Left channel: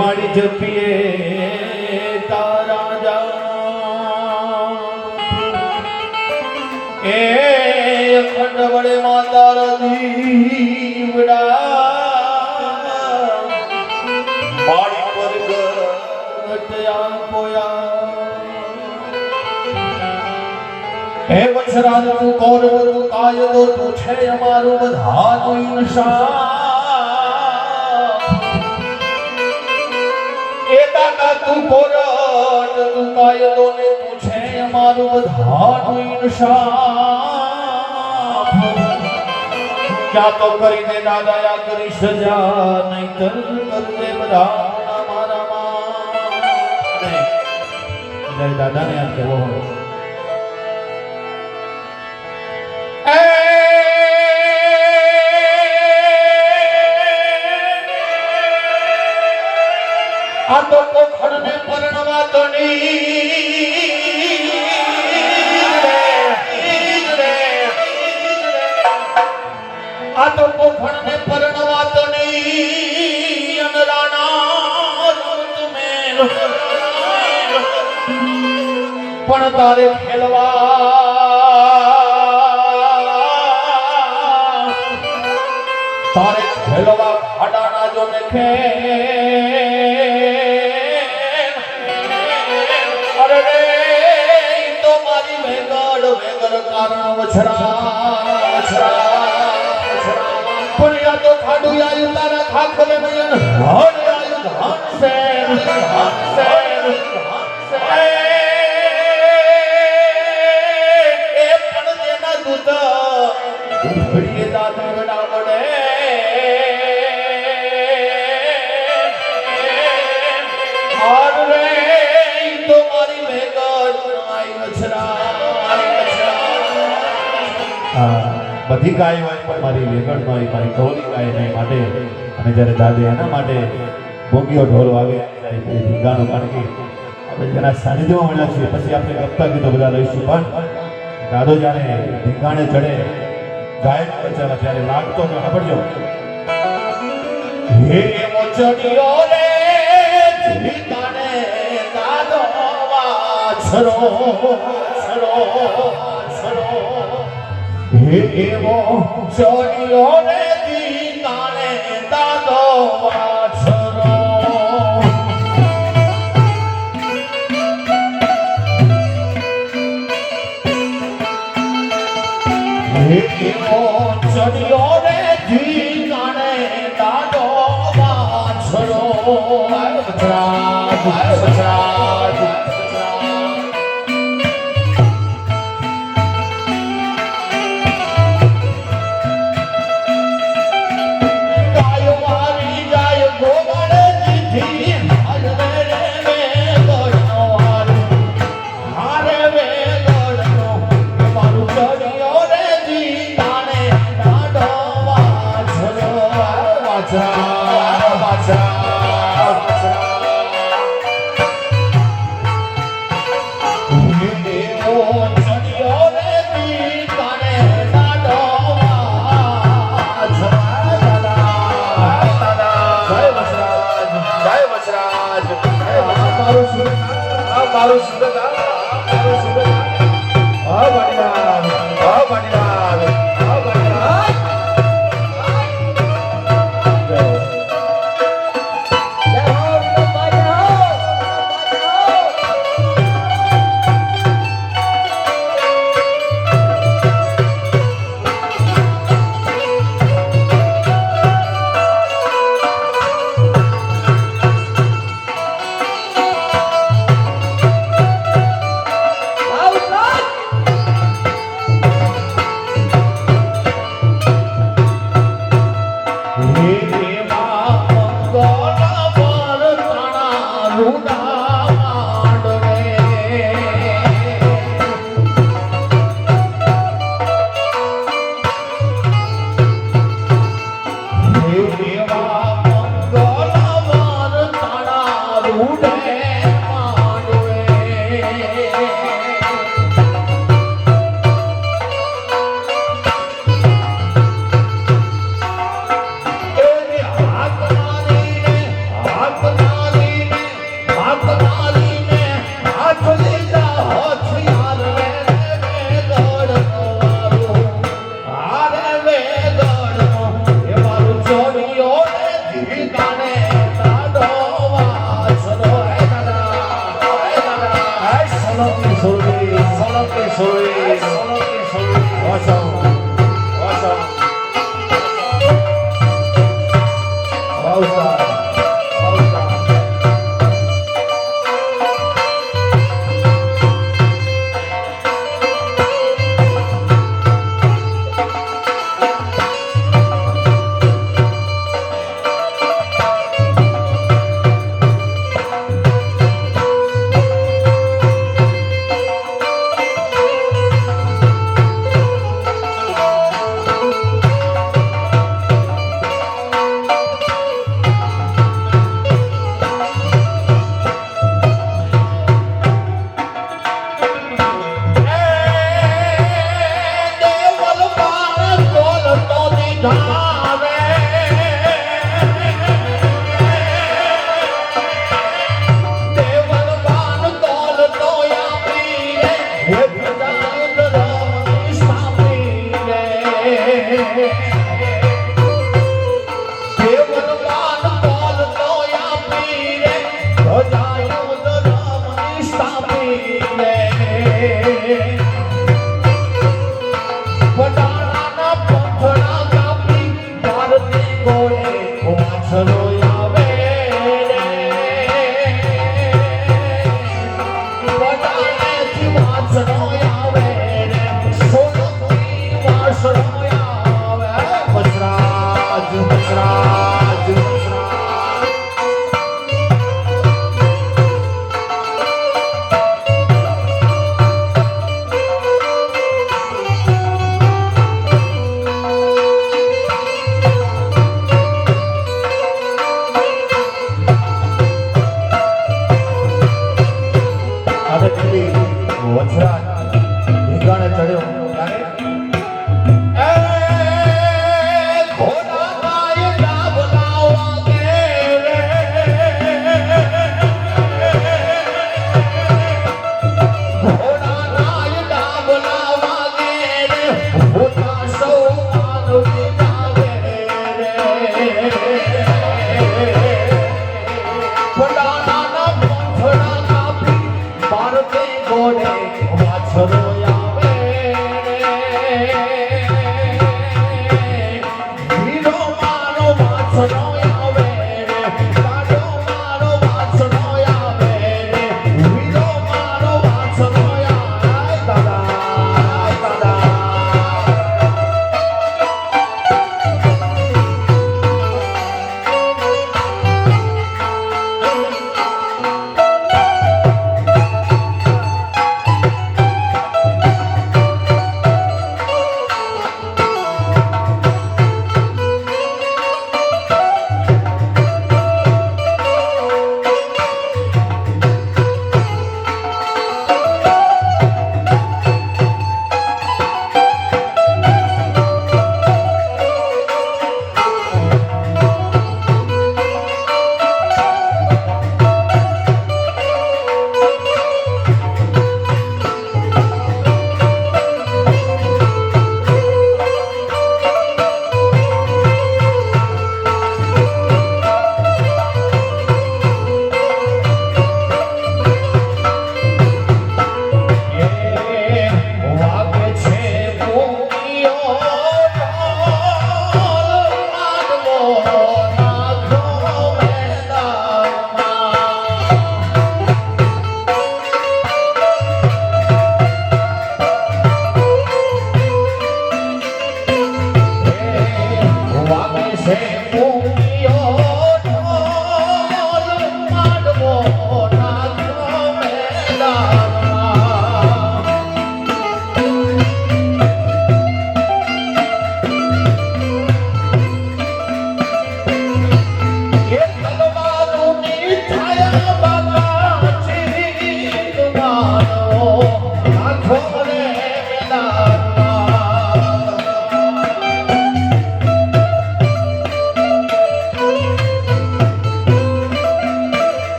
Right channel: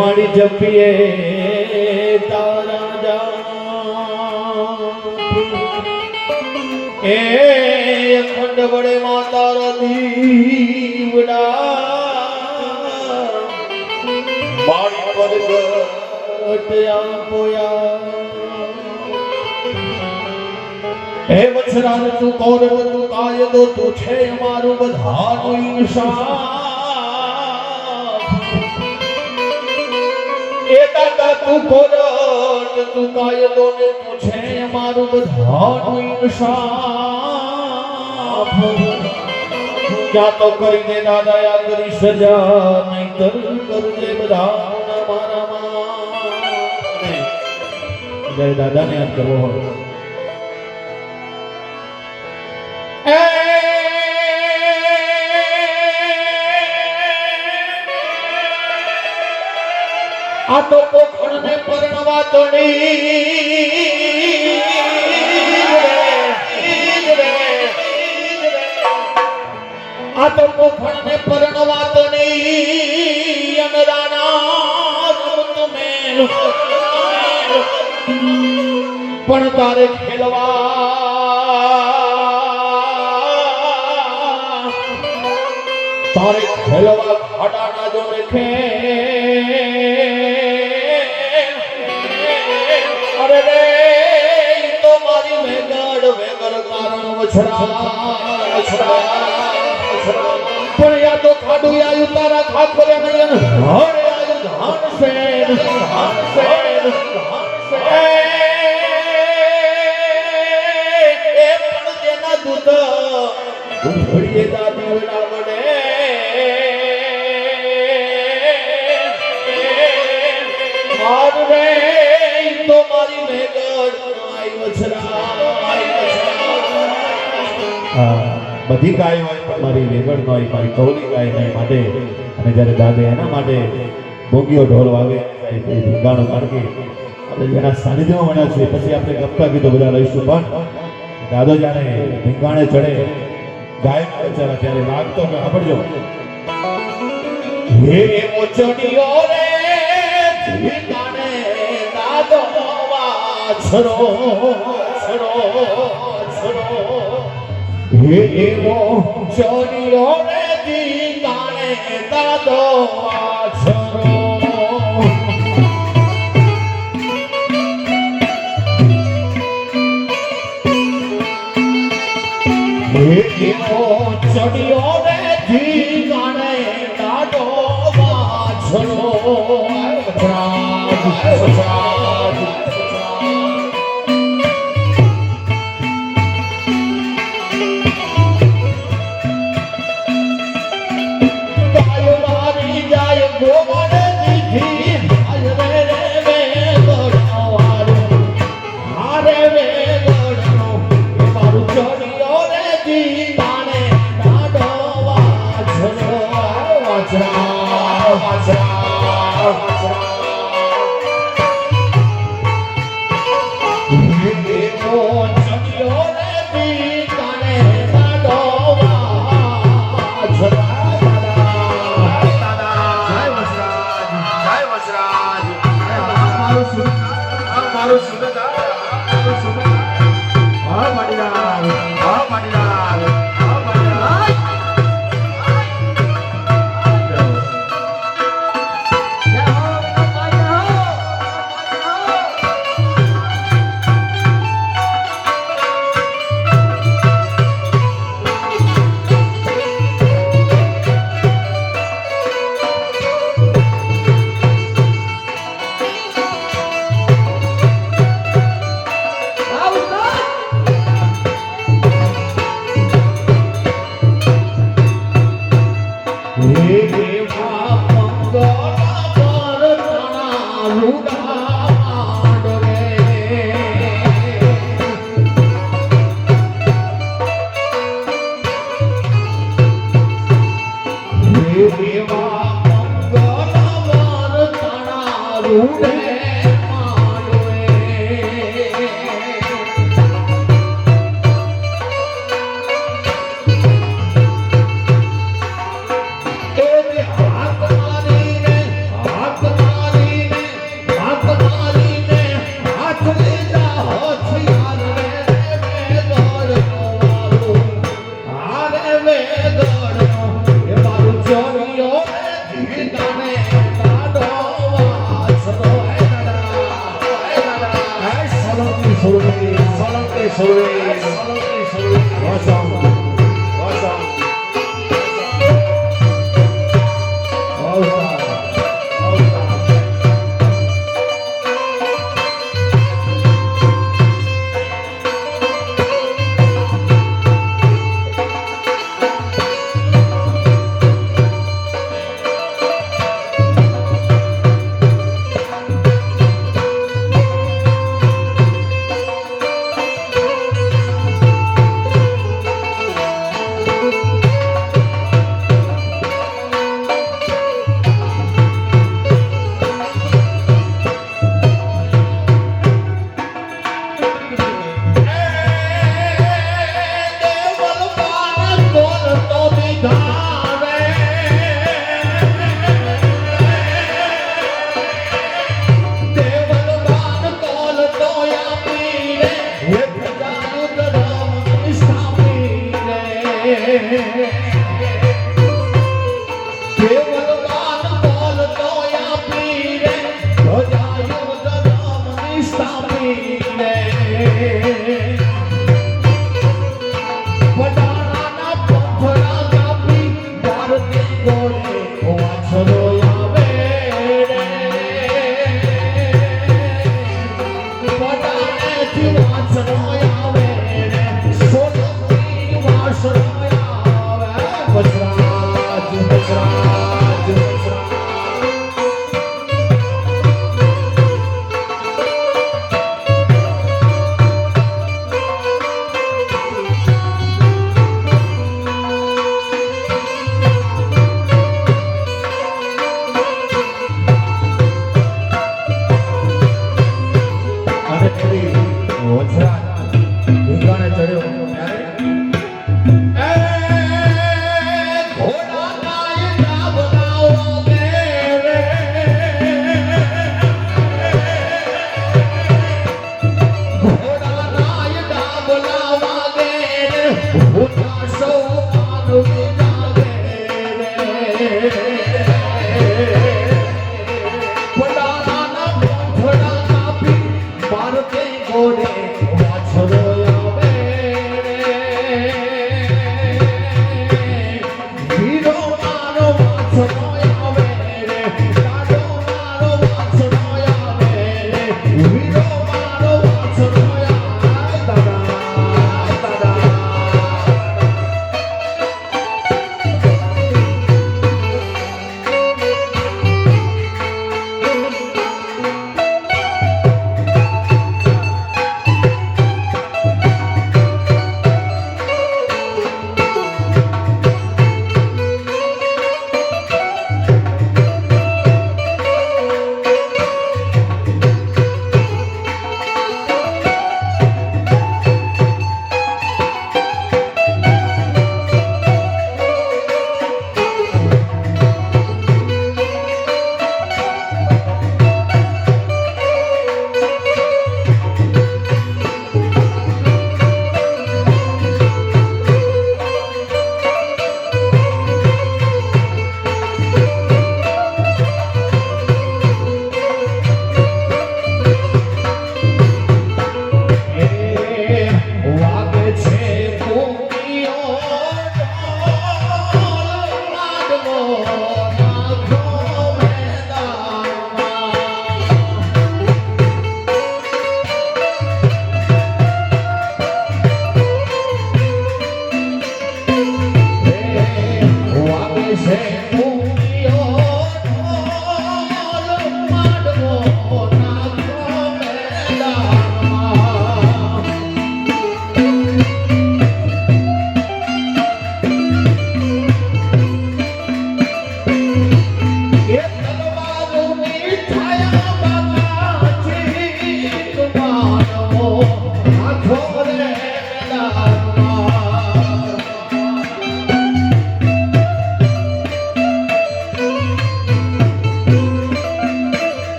મારી જપીએ તારા જા એ અખંડ વડે માં તારા દીવડા મારી પરગટ આપોયા હે વત્સરાજ તું કૌરવ તું કાયદો તું છે અમારું બધાનું ઈર્ષા તું કોરટ તું કાયદો ને તું છે અમારું બધાનું ઈર્ષા ક્યાં તો કરીને ના દયા કરી સજા નહીં કરવે બધા મારામાં દાદાને યાદ કરવો આ તો પોખરને પરણવા તો નહીં અનરાના ઋતુમેન પણ તારે ખેલવા ફાટાના જો દેખે પણ યા તો ખાડું આયુ તારા ખાખરે નયન હળ આયુ ધન સેન એ પણ જેના દૂત ઉભડીએ દાદી વડા વડે માર રે તો મારી મેગડ આયુ બધી ગાય હોય પણ મારી વેગડ હોય મારી કૌરી ગાય નહીં માટે અને જ્યારે દાદે એના માટે ભોગીઓ ઢોલ વાગે ગાણો કાઢી એના સાનિધ્યમાં મળ્યા છે પછી આપણે ગમતા ગીતો બધા લઈશું પણ દાદો જ્યારે ઢીંગાણે ચડે ગાયક રચના ત્યારે લાગતો સાંભળજો હે મોચડીઓ રે ઢીંગાણે દાદો વાછરો હે એવો ચોરીઓ રે દીનાને દાદો વાછરો હે એવો ચોરીઓ રે દીનાને દાદો વાછરો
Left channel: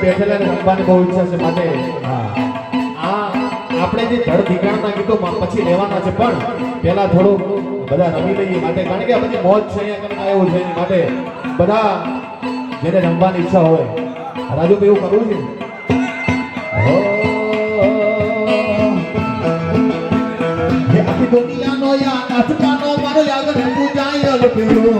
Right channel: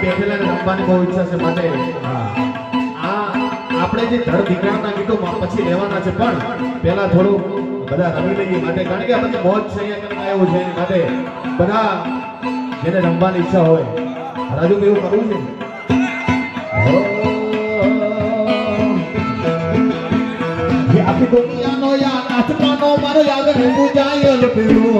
બેઠેલા રમવાની બહુ ઈચ્છા છે માટે આ આપણે જે ધડ દીકરાના ગીતો પછી લેવાના છે પણ પહેલા થોડું બધા રમી લઈએ માટે કારણ કે આ બધી મોજ છે અહીંયા કને એવું છે એની માટે બધા જેને રમવાની ઈચ્છા હોય રાજુભાઈ એવું કરવું છે આખી દુનિયાનો યા નાચવાનો મારો યાદ પૂજાય પેલો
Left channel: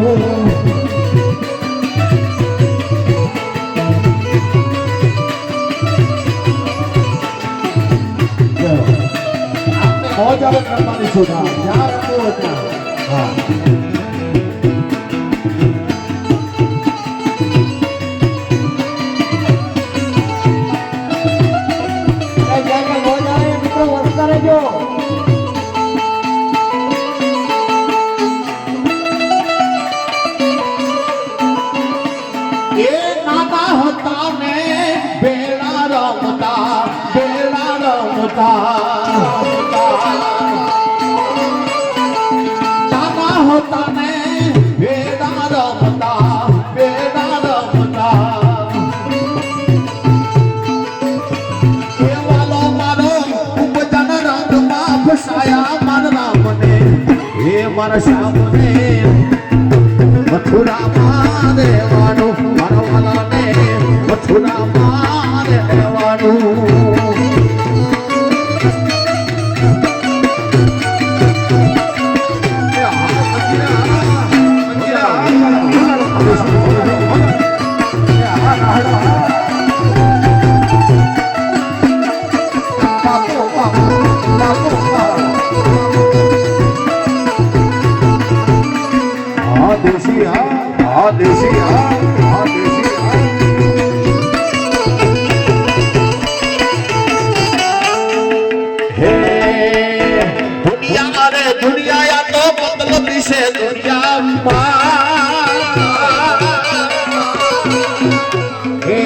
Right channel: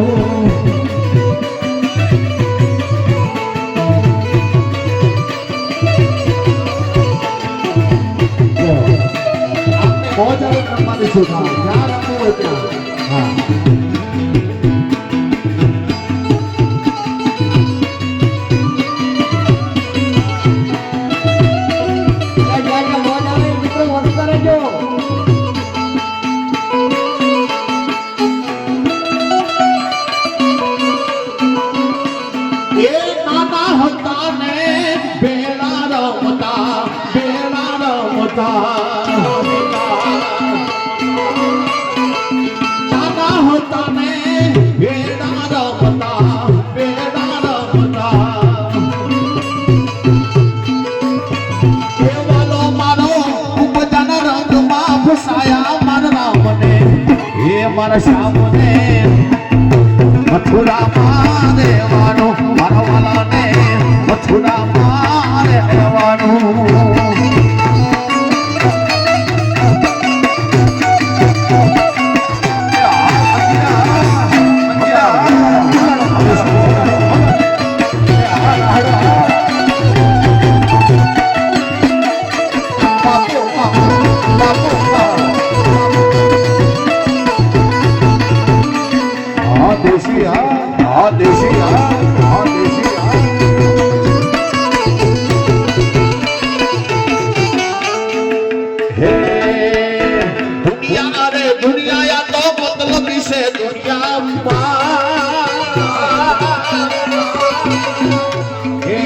મોજ આવો કરવાની છે જ્યાં રમવું હોય ત્યાં બેલા રમતા દુનિયા રે દુનિયા તો મતલબ છે દુનિયામાં હે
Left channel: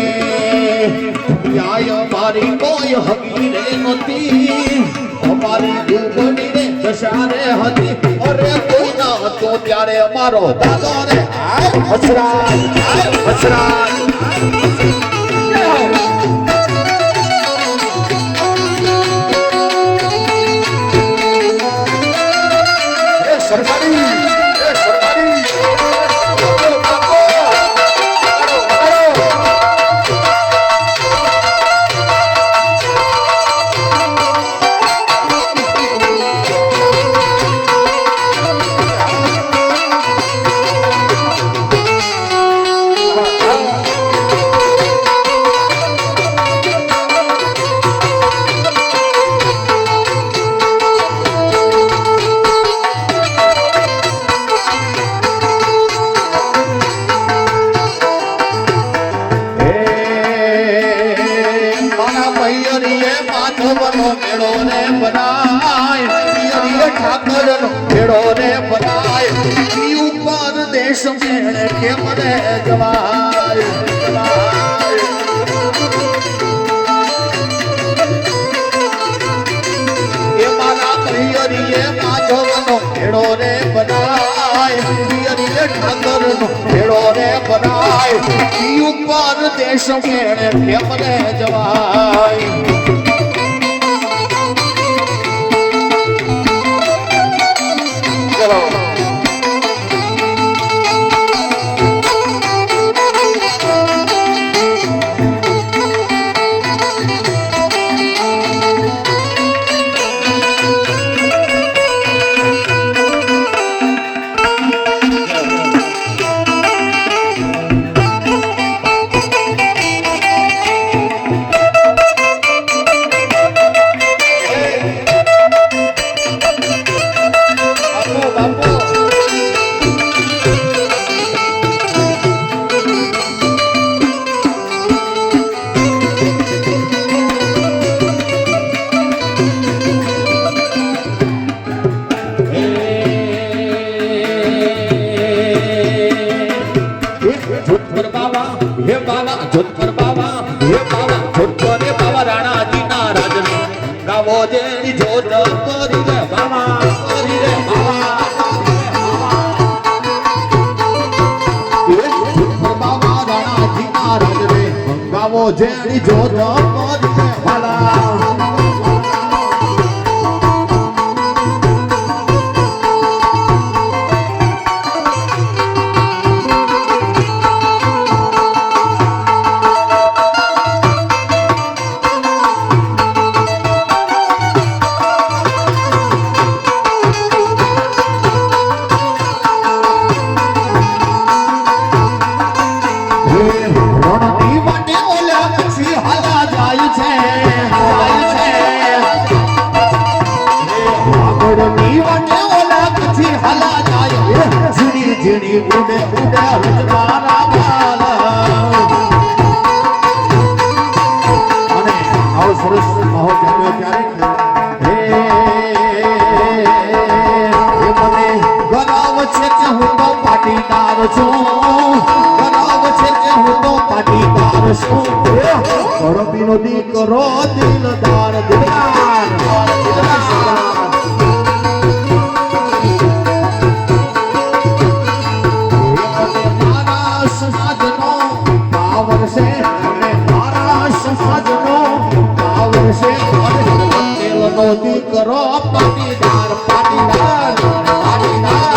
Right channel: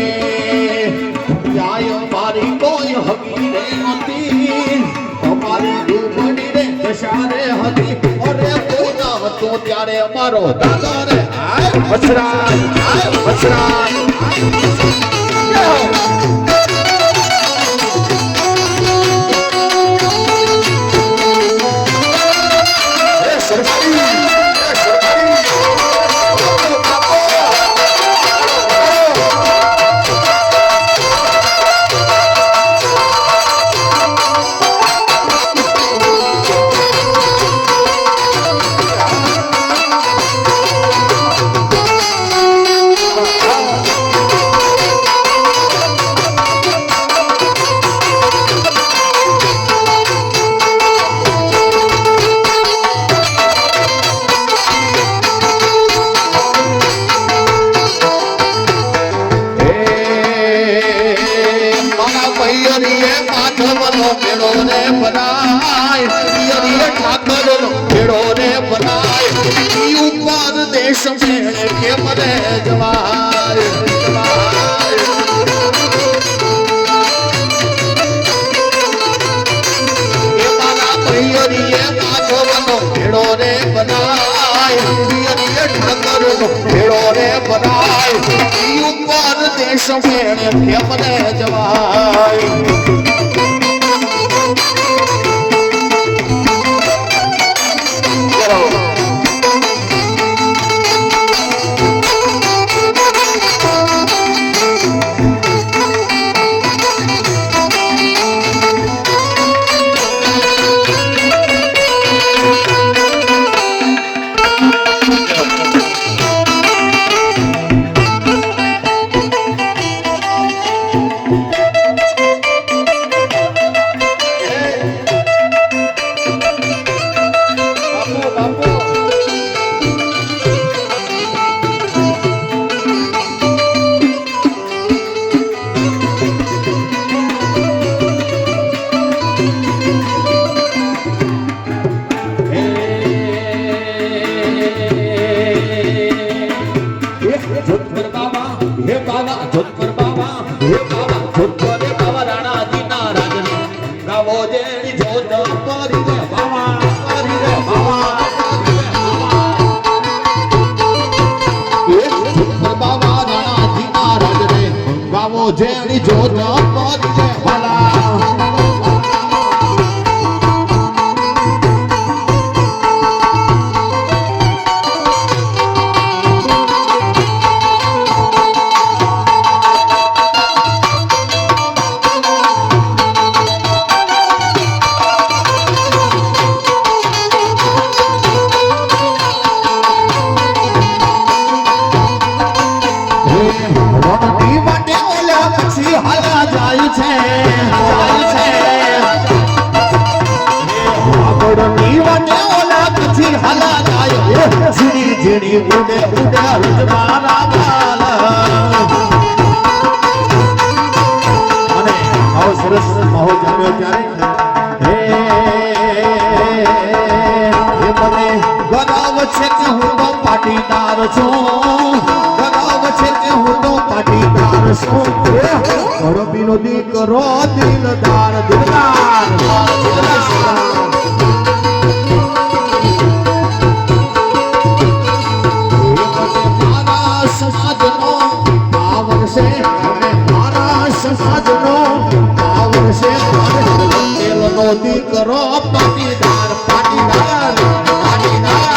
દુનિયા મારી કોઈ હકી રે નથી અમારી દુબળી રે દશા રે હતી અરે કોઈ ના હતો ત્યારે અમારો દાદા રે અસરાય દેશ મેળે કે મને જવાય એ મારા ભૈયરીએ માધવનો ભેડો રે બનાય પિયરીએ ઠાકરનો ભેડો રે બનાય ઉપર દેશ મેળે કે મને જવાય જેની જોત જીણી ઉડે ઉડે રચનાના માલા અને આવો સરસ માહોલ જામ્યો ત્યારે હે મને ગરાવ છે કે હું તો પાટીદાર છું ગરાવ છે કે હું તો પાટીદાર છું ધરતીનો દીકરો દિલદાર દિલદાર કરો પાટીદાર પાટીદાર પાટીદાર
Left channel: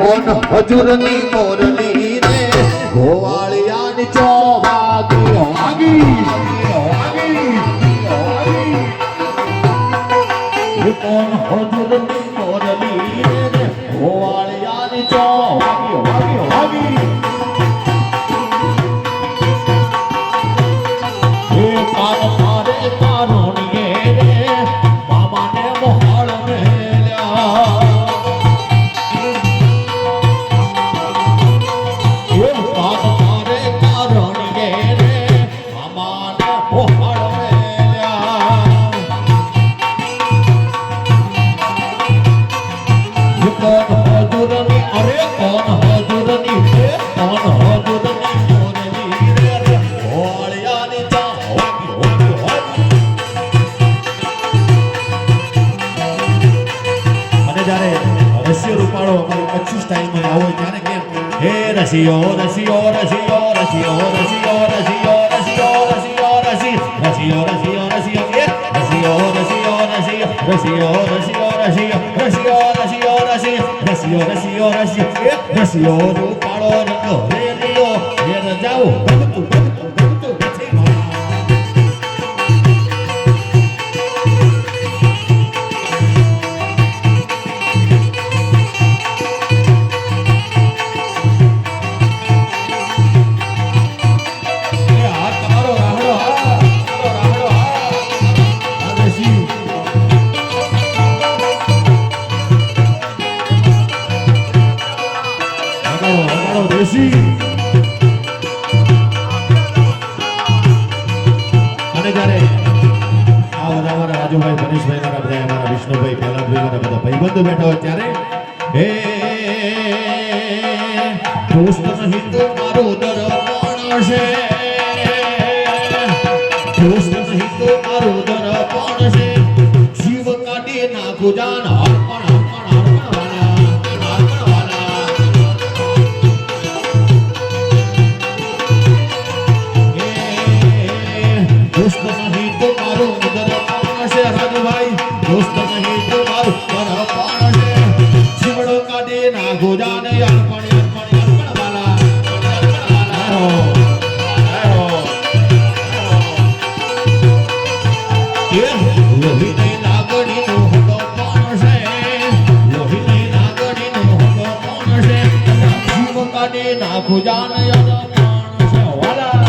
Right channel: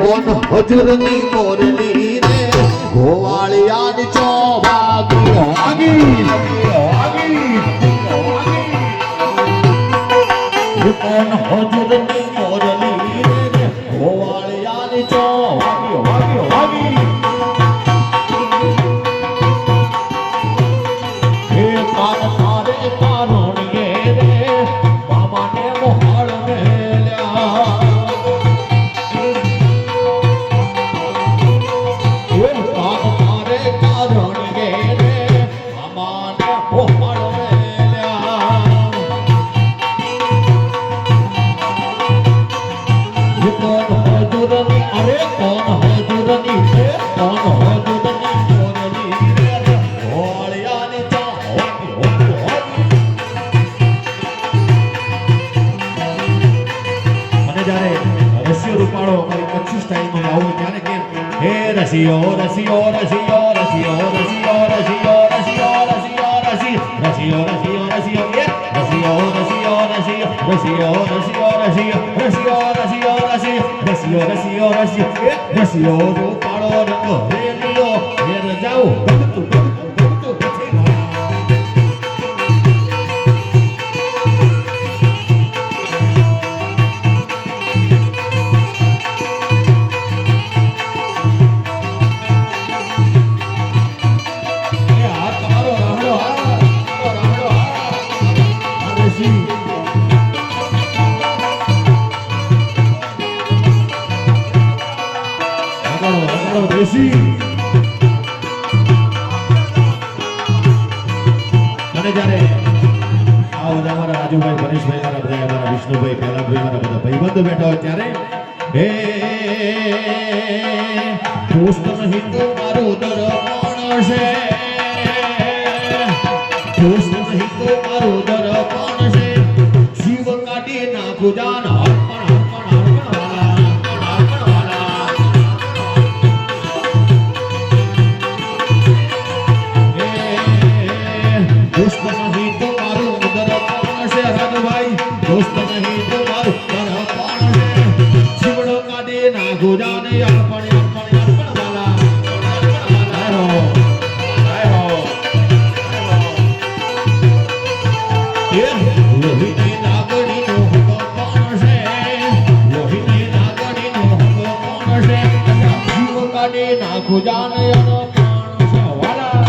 કોણ હજુરની મોરલી રે ગોવાળિયાની ચોભાગી કોણ હજુરની મોરલી રે હોવાળિયાની ચો વાગી વાગી વાગી હે પાર પારે કારુણિયે રે મામાને મોહાળ મેલ્યા હે પાર પારે કારુણિયે રે મામાને મોહાળ મેલ્યા ये कौन हजूरनी अरे कौन हजूरनी है कौन हजूरनी मोरली रे होवाळियानी चा होगी होगी होगी અને જ્યારે રસિયો રૂપાળો અમારી કચ્છી સ્ટાઇલમાં આવો ત્યારે કે હે રસિયો રસિયો રસિયો રસિયો રસિયો રસિયો રસિયો રસિયો રસિયો રસિયો રસિયો એ રસિયો રસિયો રસિયો રસિયો રસિયો રસિયો રસિયો રસિયો રસિયો રસિયો રસિયો એ રસિયો રૂપાળો રંગ રેલિયો ઘેર જાઉં ગમતું ગમતું ગમતું નથી એ આ તમારો રાહડો આ દેશી આગળ દેશી અને જ્યારે આ બધા અમારા રાજુભાઈ પરેશભાઈ ના બધા અમારા વિષ્ણુભાઈ પહેલાભાઈ મારા બધા ભાઈબંધો બેઠા હોય ત્યારે હે દોસ્ત નહીં તો મારો દરબાણ છે દોસ્ત નહીં તો મારો દરબાણ છે જીવ કાઢી નાખું જાન दोस्त नहीं तो मारो दरबान से રાજુભાઈ दोस्त नहीं तो मारो दरबान से જીવડો કાઢે ના ગોજાને અર્પણ અર્પણ અર્પણ વાલા આયો આયો એ લોહીની લાગણી નો ભગવાન છે લોહીની લાગણી નો ભગવાન છે જીવ કાઢે ના ગોજાને અર્પણ છે વાલા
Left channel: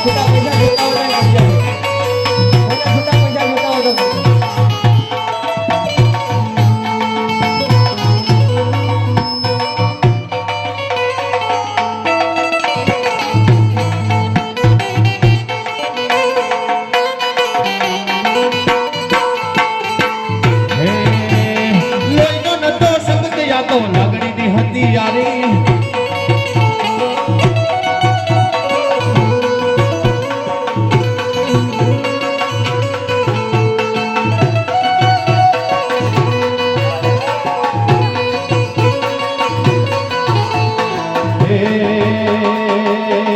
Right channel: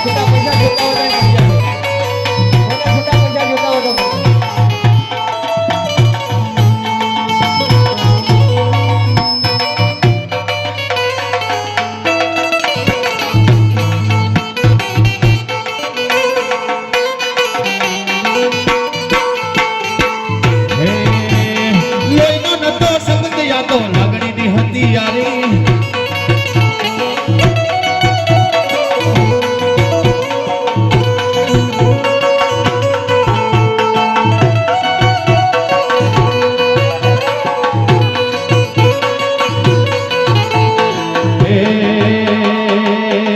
છૂટા પૈસા જોતા હોય તો આવી જશે. છૂટા પૈસા જોતા હોય તો હે લોહીનો નતો શબ્દ યાદો લાગણીની હતી યારી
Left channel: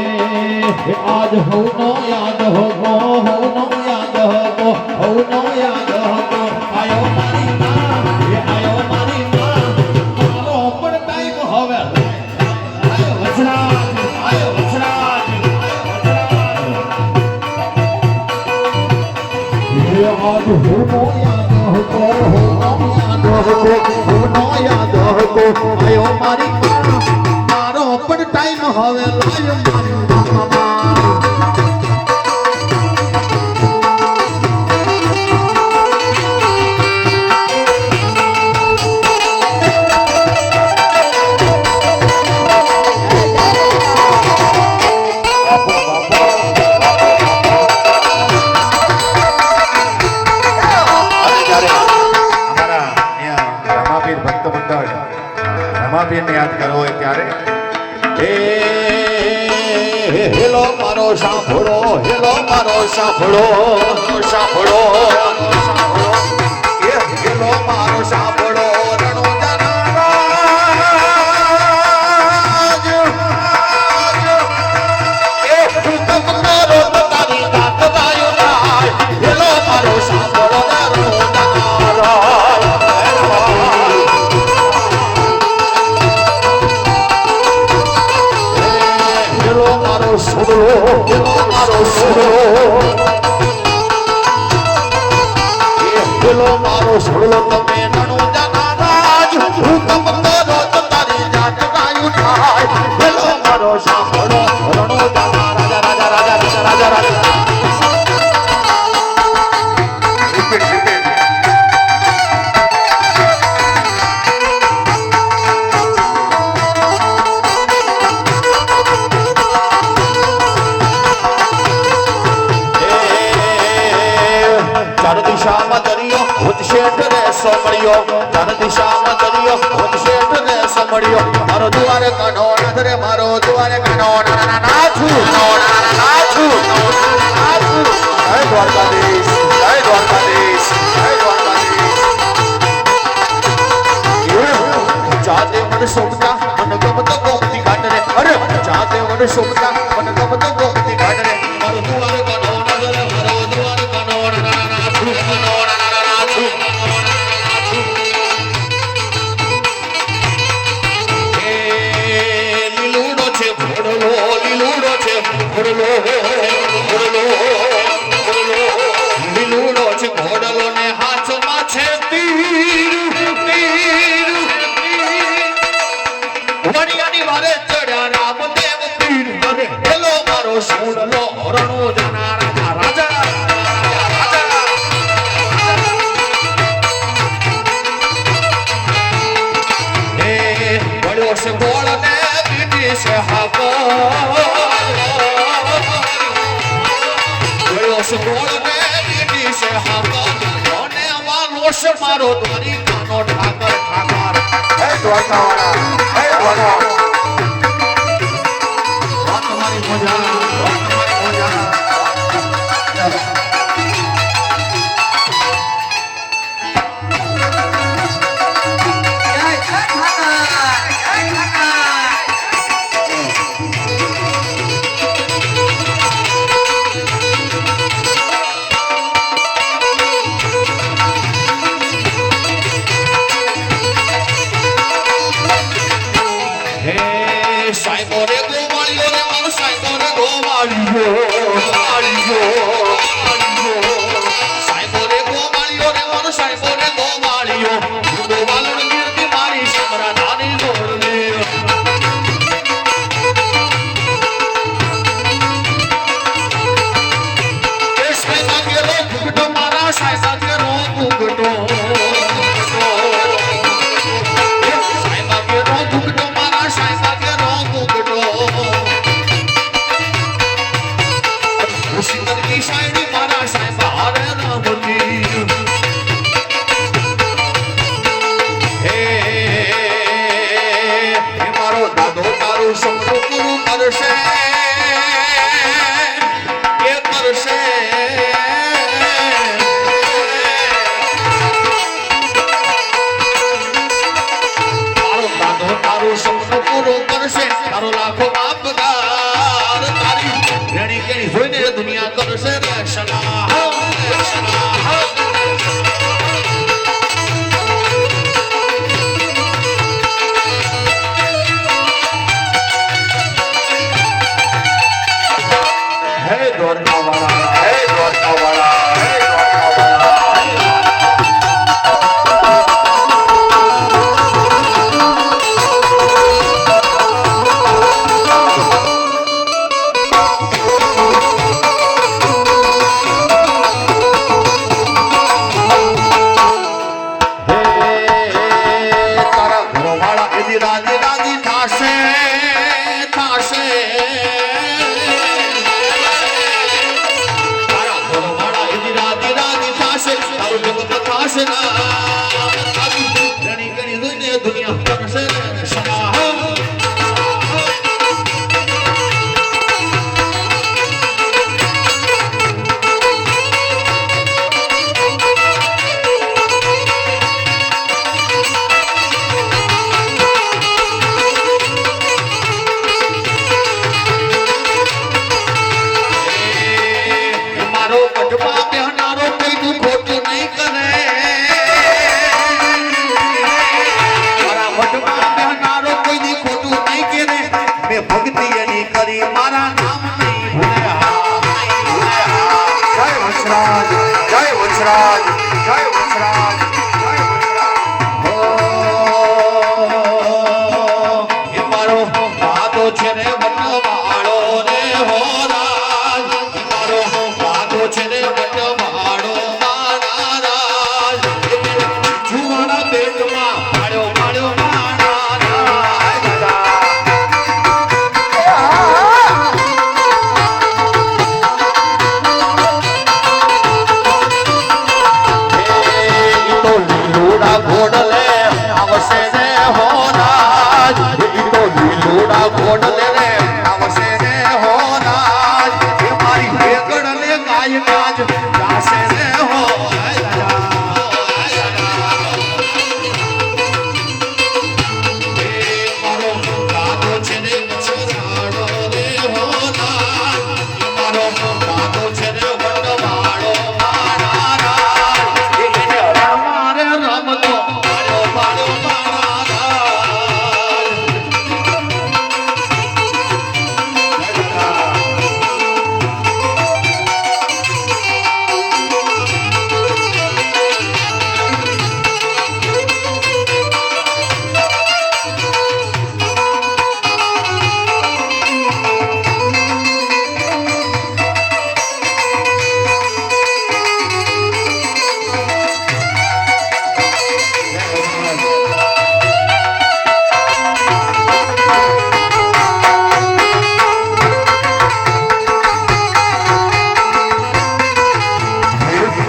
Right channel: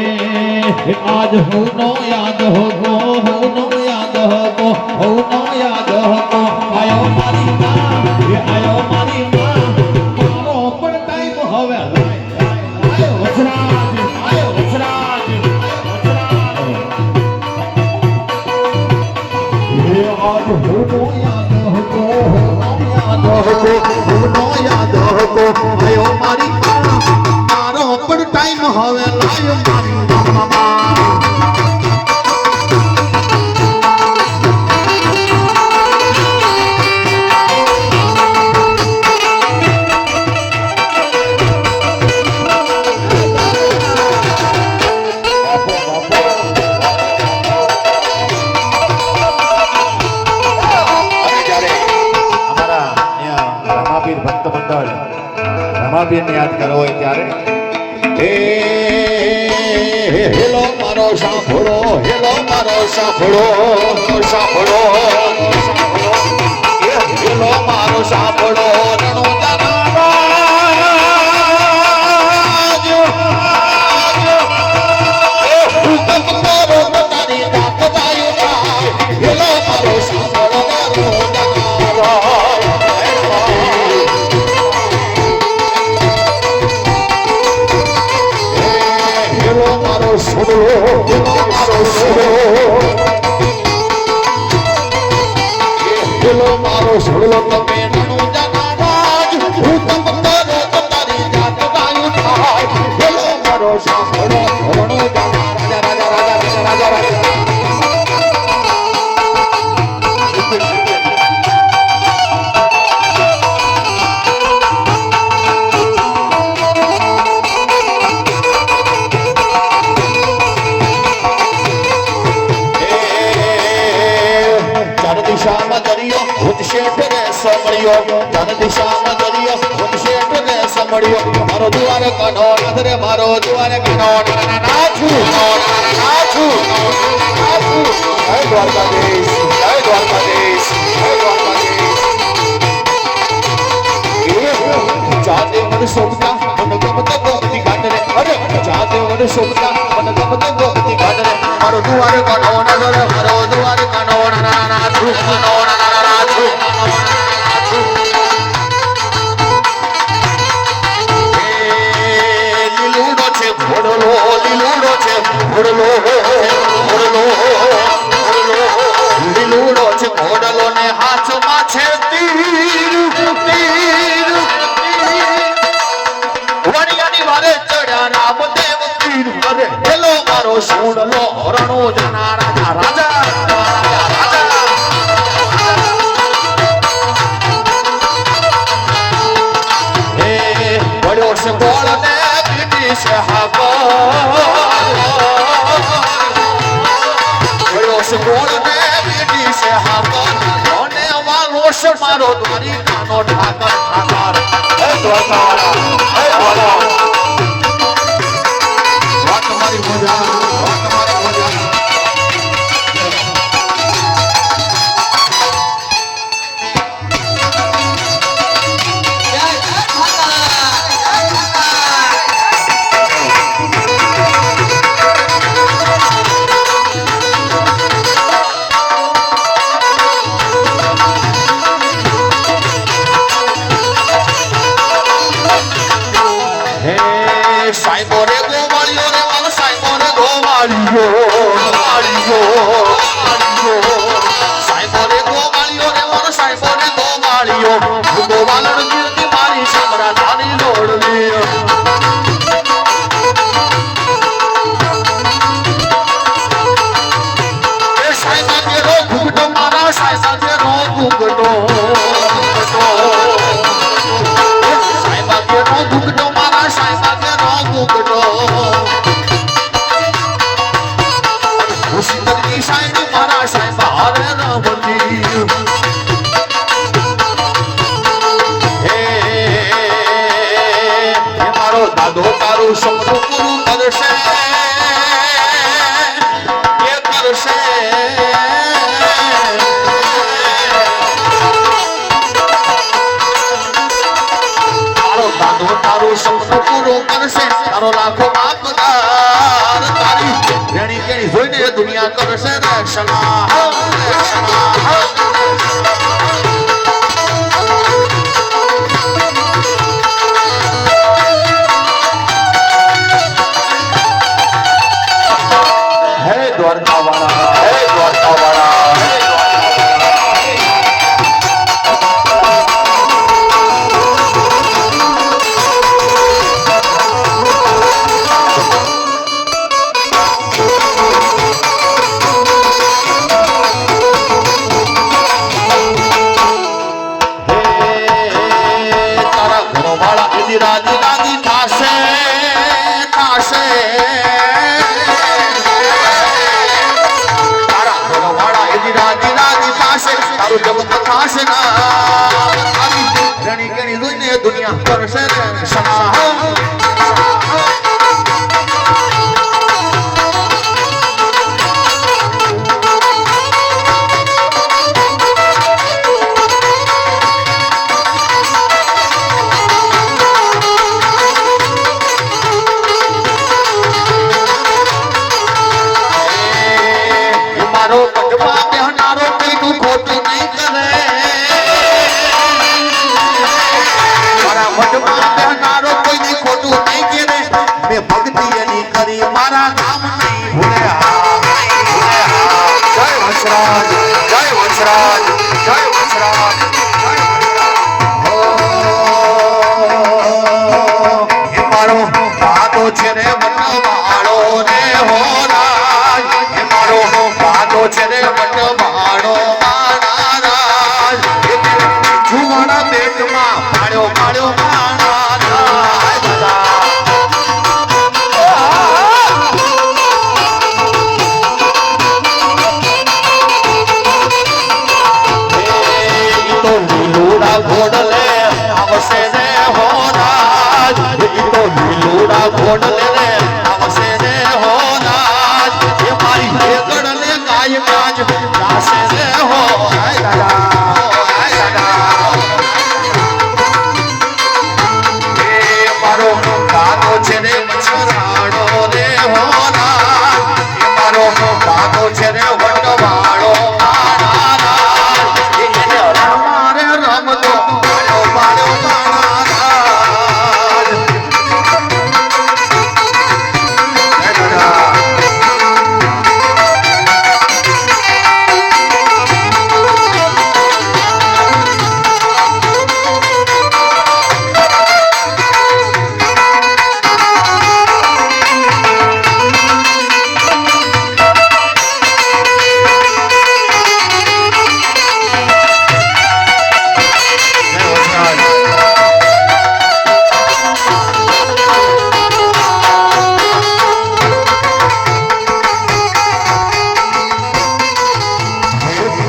आज हो नो याद हो गो हो नो याद हो गो हो नो याद हो गो आयो मारी मां ये आयो मारी मां मारो પણ ટાઈમ હવે આયો વછરાજ આયો વછરાજ ये आज हो नो याद हो गो हो नो याद हो गो हो नो याद हो गो आयो मारी मां मारो પણ ટાઈમ હવે લાયો મારી ભક્ત મંડળ રમાબેન યાદ કરવો હોય ત્યારે હેલો મારો સાંભળો હેલો મારો સાંભળો સાંભળો હેલો મારો સાંભળો રણો જનારાજ એ હુકમ મારો તારી તાક દાયો હેલો મારો સાંભળો મારો સુડલો પેલો મારો સુડલો તમે નણું જનારાજ હું તપ કરો તો તારી જાત ગાયું થાય પેલો મારો સાંભળો રણો જાના રાજા રાજા રાજા રાજા રાજા રાજા ચાર દિશામાં દરિયો ઉદશેઠ રસ મળ્યો ચાર દિશામાં દરિયો ઉદશેઠ રસ મળ્યો મારો દ્વારે કનો નાથ રે મારો દ્વારે કનો નાથું નાથું નાથું જય દ્વારકાધીશ જય દ્વારકાધીશ જય દ્વારકાધીશ જાતે મને શોભતા મને ગમતો ગોમતી ઘાટ રે અરે જાતે મને શોભતા મને ગમતો ગોમતી ઘાટ રે મારો દ્વારે કનો નાથ રે મારો દ્વારે કનો લીલુડો છે ઘોડલો લીલુડો છે ઘોડલો લીલુડો છે ઘોડલો ને હાથમાં છે તીર તીર વણિયાની વારે ચડ્યા રામદેવ પીર અરે હેલો મારો સોડલો રણો જાના રાજા રાજા se bola ne bidi se hava yo se bola ne bidi se hava one walo se maro dwari kano Thakar ઠાકર હે દ્વારકા વાત મારી મજા સાઈબો રે ગોવાળિયો રે મારો સાઈબો રે ગોવાળિયો સાઈબો રે ગોવાળિયો રે મારો સાઈબો રે ગોવાળિયો ગોવાળણ ગીરતી મારી સામરા ધાની જોડલી એ સાઈબા કેરો ઘૂંઘટો મારા સાઈબા કેરો ઘૂંઘટો સાઈબા કેરો ઘૂંઘટો મારા સાઈબા કેરો ઘૂંઘટો ઉસી તરકી સાઈડી મારા સાઈબા હારે ન બની હે મારો દાદો તારું સપનું પૂરું કરશે કે કરશે મારો દાદો તારું સપનું પૂરું કરશે તારો લાખો બાપદાર તારી રેણી કેણી જોઈને દુનિયા કરશે રક્ષણા હે દ્વારકા વાળા હે દ્વારકા વાળા રાજી રાજી થાશે થાશે તારા ઘરવાળા એની રાજી રાજી થાશે તારું જગત થાશે ના રણી કેણી જોઈને દુનિયા કરશે સના ભક્તિ એની કરી મારા નામ નહીં છે રે વટવાડો મારા જુવાના પેટમાં પાડ્યો પાડ્યો લીલુડા ઘોડલે આવશે રે હોરાજ લીલુડા ઘોડલે રે આવશે રે હોરાજ એ મારી વેગડને ગાય કાજ ગાશે રે હોરાજ એ મારો કાદો છે રે મછરાડો રે હોરાજ એ મારો કાદો છે રે વટવાળો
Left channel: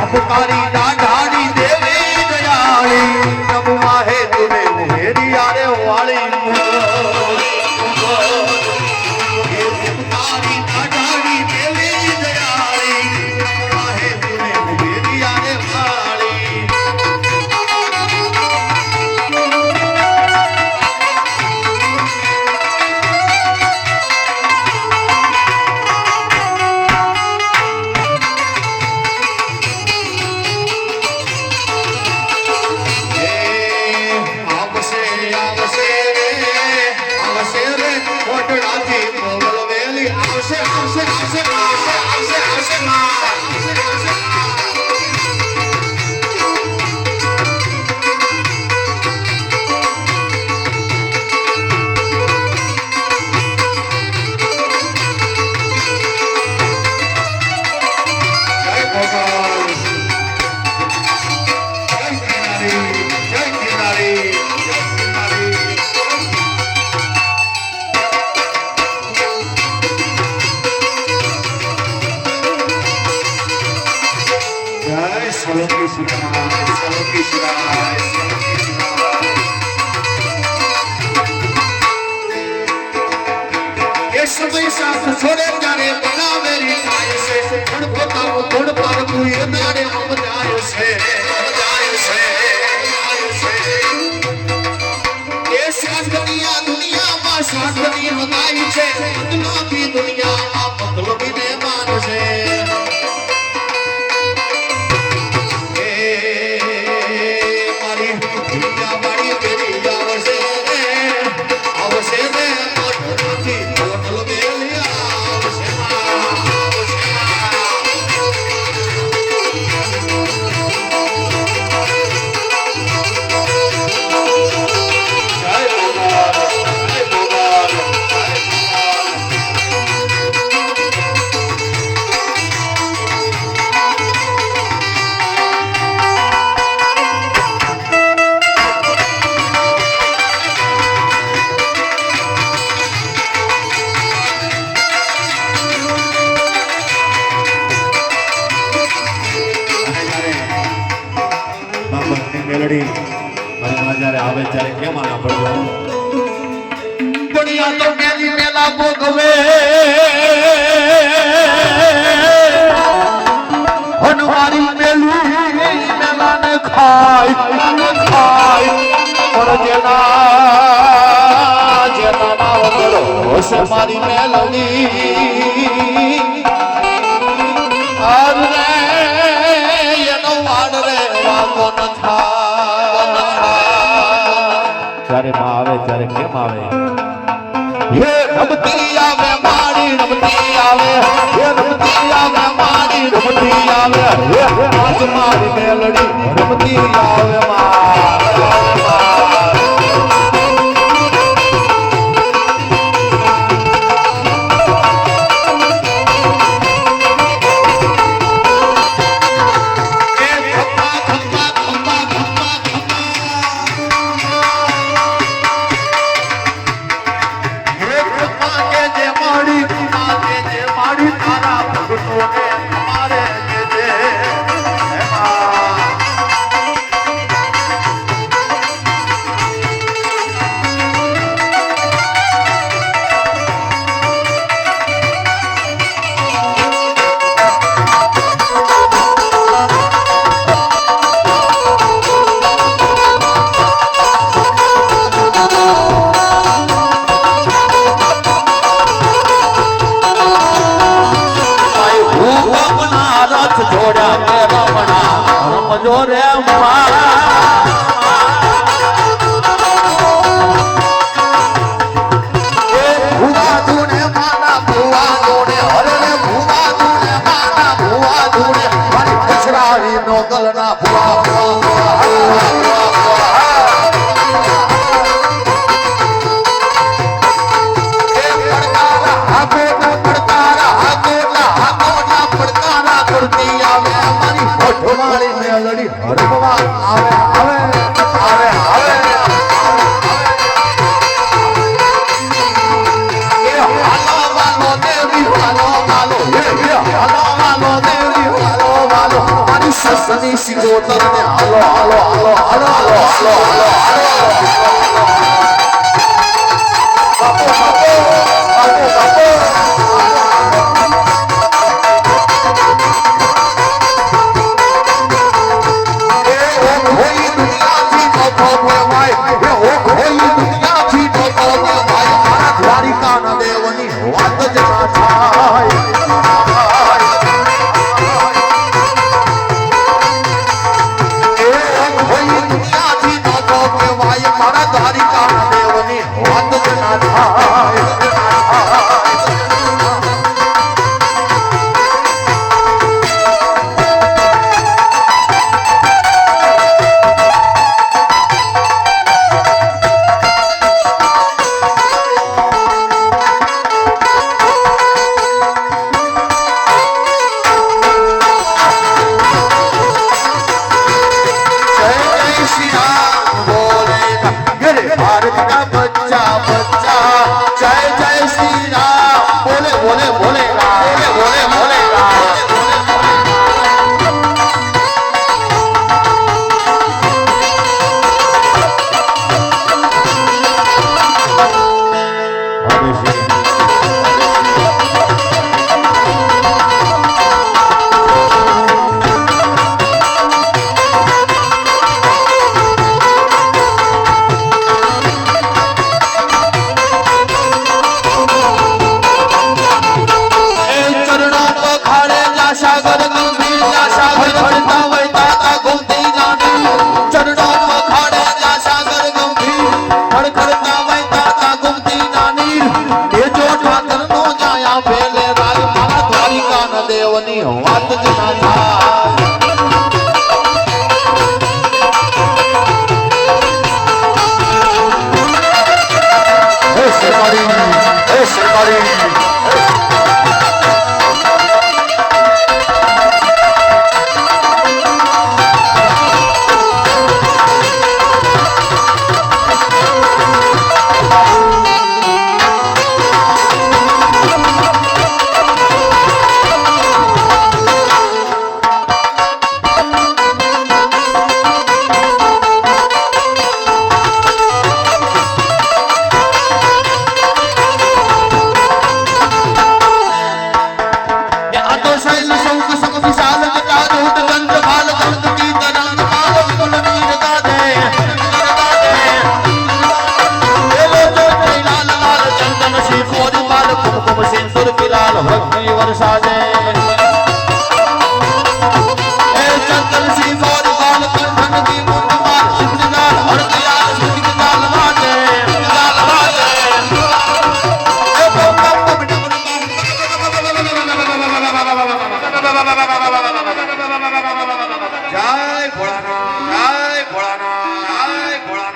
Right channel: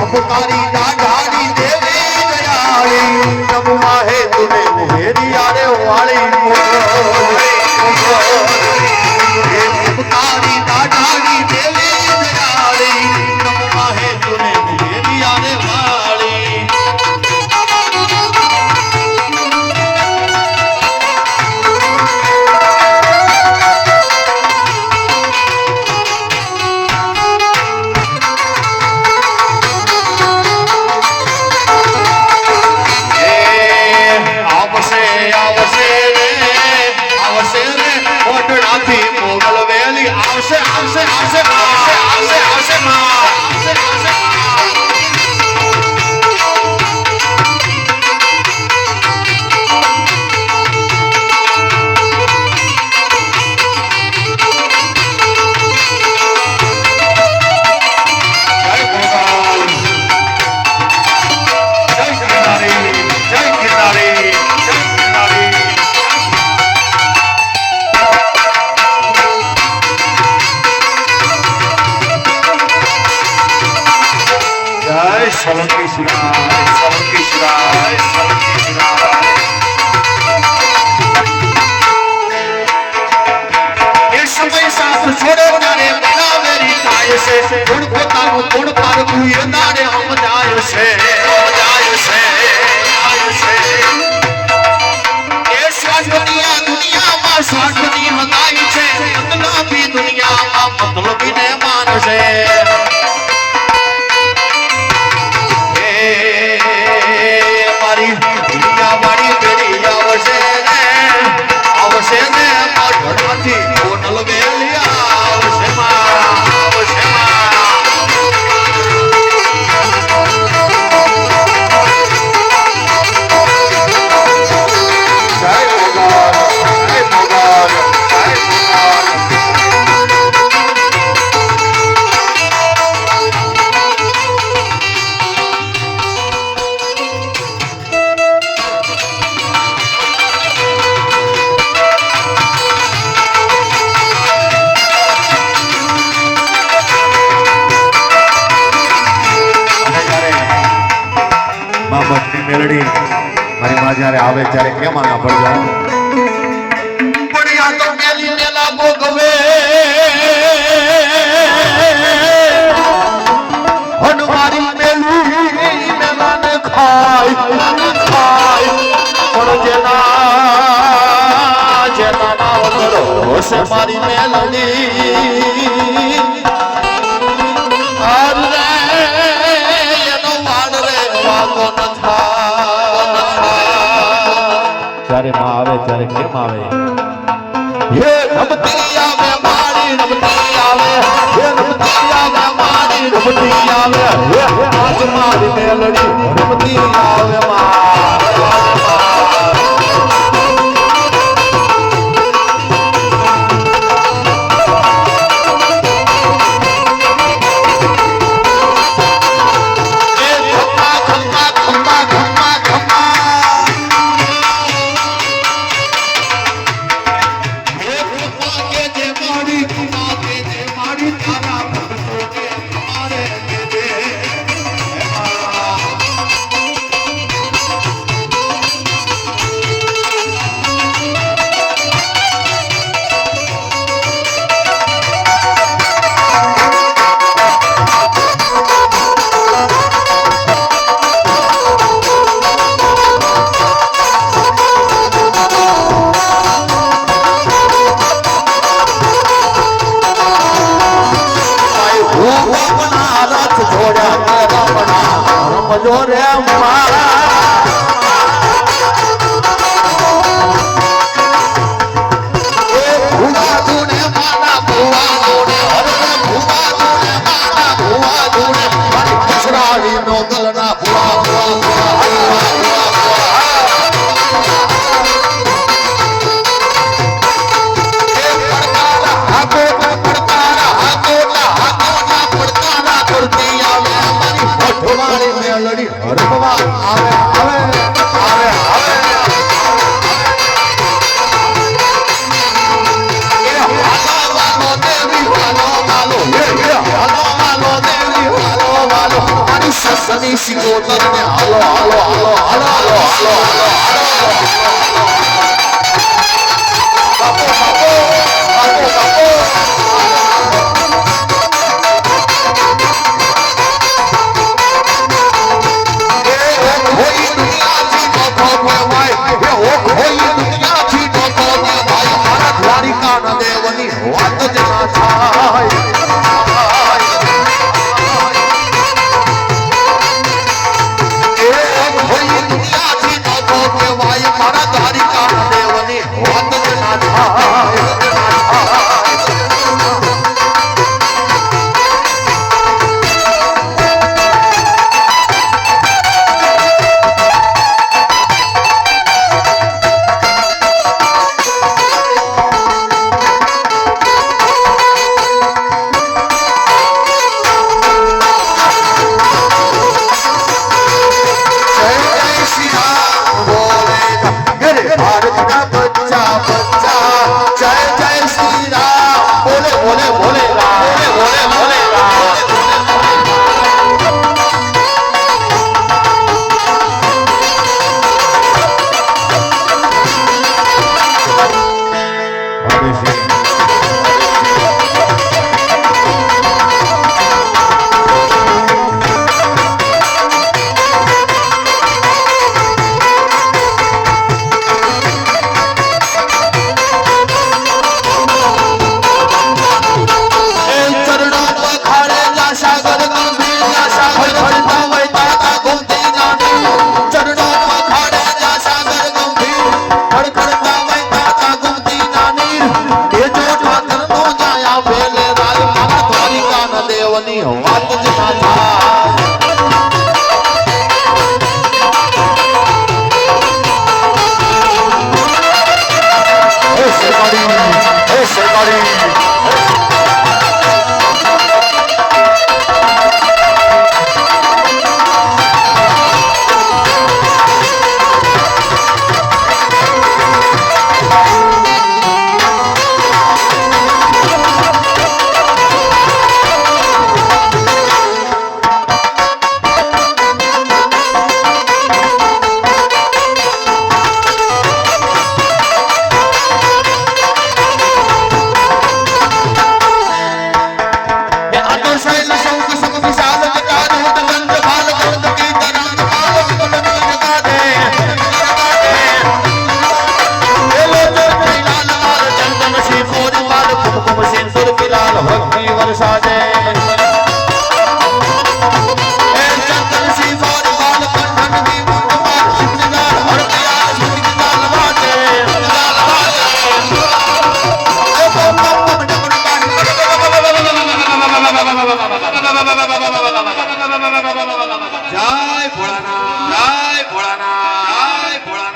पुकारी दाढ़ी देवी दयाली नमुआ है तुम्हें मेरी आने वाली पुकारी दाढ़ी देवी दयाली नमुआ है तुम्हें मेरी आने वाली આવશે રે ઓટડાથી મોગલ વેલી આવશે આવશે આવશે આવશે આવશે આવશે માં આવશે આવશે સલંકી શિરાય સલંકી શિરાય સલંકી શિરાય એ સમય સાથ છોડે જાણે પેલા મેરી થાય છે ગુણ પોતાનું ગુણ પારવું એ દાડે સમજાય છે એ શાશ્વતીયા દુનિયામાં શાશ્વતી હદાય છે મતલબી દુનિયામાં મતલબીને માનશે મેલડી મારી માં જ્યારે આવે ત્યારે કેમ આના પડજો પડ્યા તો મેલી મેલા ગોગવે હનવારી મેલી મેલાને ખાય પર જેના વગરો સે મારી મેલડી જ્યારે માં આવે ત્યારે કેમ આવે હે રમતી આવે મારી રમતી આવે હે રમતી આવે મારી રમતી આવે હે આજ મારી મેલડી રમતી આવે છોડ્યા કે રમણા મજો રે સની સિંગો કરીને હાલો હાલો હાલો હાલો દ્વારિકા દેવની વાત જ થાય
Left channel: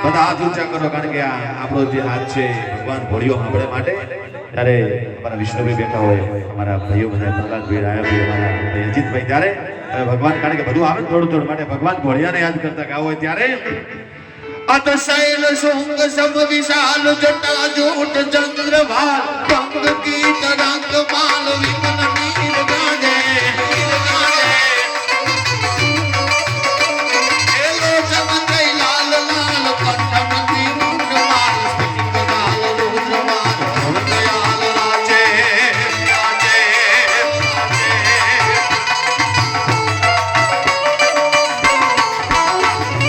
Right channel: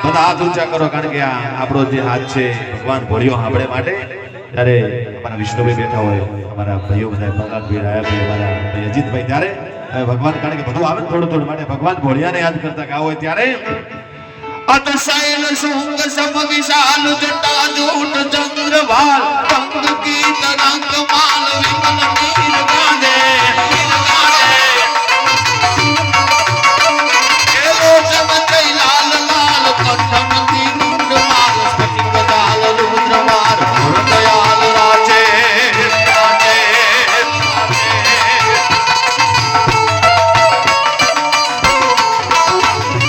બધા હાથ ઊંચા કરો કારણ કે આ આપણો જે હાથ છે ભગવાન ભળ્યો આપણે માટે ત્યારે અમારા વિષ્ણુભાઈ બેઠા હોય અમારા ભાઈઓ બધા ભગવાનભાઈ રાયાભાઈ અમારા ભાઈ અજીતભાઈ ત્યારે ભગવાન કારણ કે બધું આવે થોડું થોડું માટે ભગવાન ભોળિયાને યાદ કરતા ગાવ હોય ત્યારે અતશૈલ શુંગ સમ વિશાલ જટા જૂટ ચંદ્રવાલ પંગ કી તરંગ માલ વિમલ નીર ગાજે એલો ચમત્રય લાલ લાલ કંઠન કી મુંડ માલ સ્ફટિક ગાલ રુદ્ર માર દયાલ રાજે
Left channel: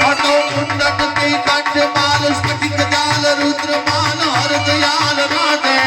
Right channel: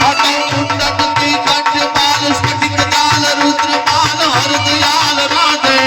અતો મુંડન કી કંઠ માલ સ્ફટિક ગાલ રુદ્ર માલ હર દયાલ રાજે